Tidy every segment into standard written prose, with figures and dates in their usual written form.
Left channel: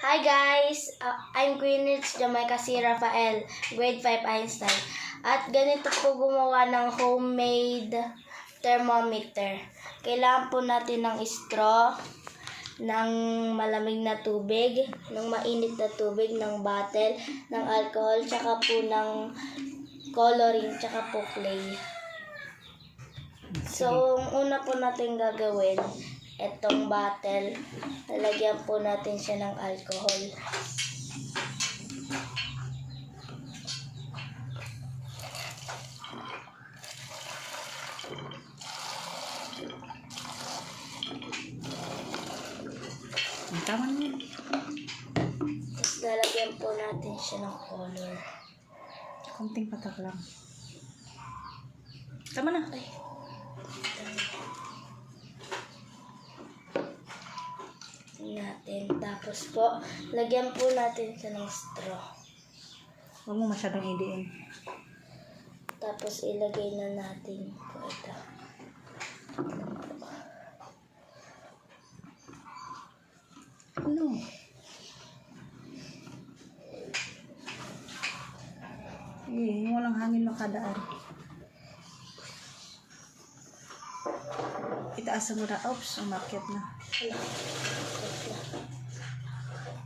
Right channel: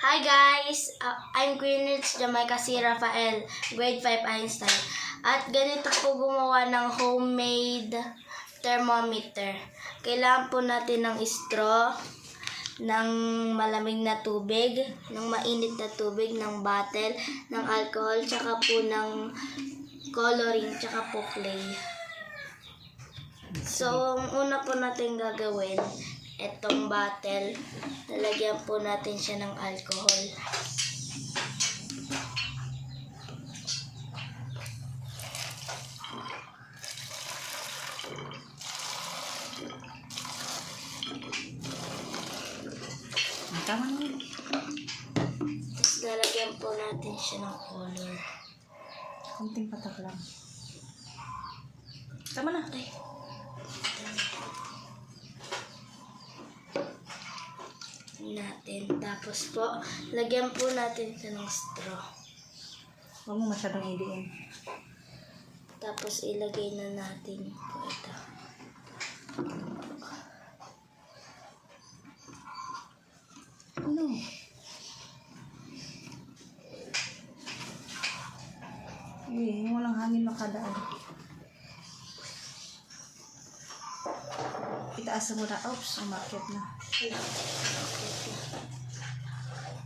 Hi guys! I'm Greenwich Jamaica C. Rafael, grade 5 Einstein. At ganito po gumawa ng homemade thermometer. Kailangan po natin ng straw, ng malamig na tubig, ng mainit na tubig, ng bottle, ng alcohol, tsaka po ng coloring, tsaka po clay. So, ang una po natin gagawin, itong bottle, lalagyan po natin siya ng alcohol. Tama na yun. Tapos lalagyan po natin siya ng color. Konting patak lang. Tama na. Ay. Natin. Tapos po, lagyan po natin siya ng straw. Huwag mo masyadong idiin. Tapos ilagay na natin po ito. Ano? Walang hangin makadaan. Itaas mo na. Oops, umakyat na.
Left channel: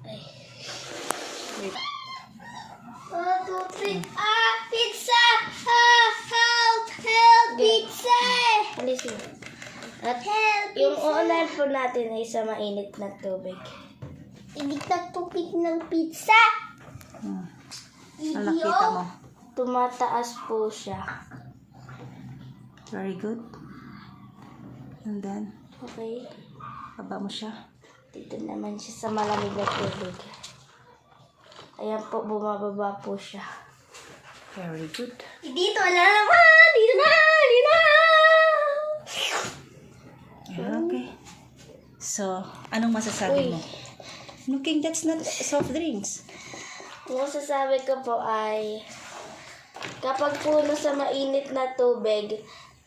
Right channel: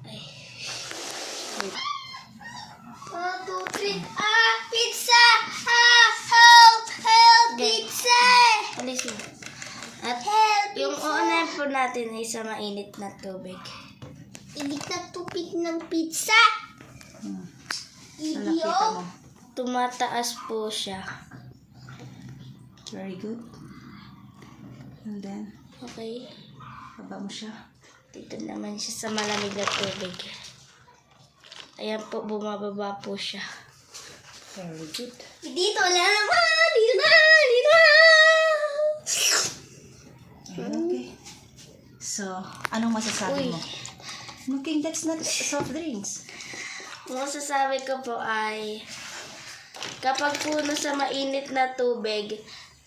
Ay. Wait. 1, 2, 3. Pizza! Help! Pizza! Alisin. At yung uunahin po natin ay sa mainit na tubig. Init na tubig ng pizza. Nakita mo. Tumataas po siya. Very good. And then, Okay. baba mo siya. Dito naman siya sa malamig na tubig. Ayan po, bumababa po siya. Very good. Dito na naman. Dito na. Okay. So, anong masasabi mo? Looking, that's not soft drinks. Ang masasabi ko po ay kapag po nasa mainit na tubig,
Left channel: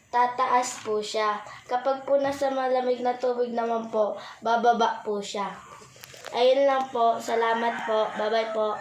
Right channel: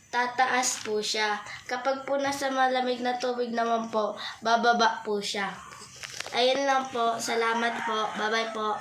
tataas po siya. Kapag po nasa malamig na tubig naman po, bababa po siya. Ayun lang po. Salamat po. Bye-bye po.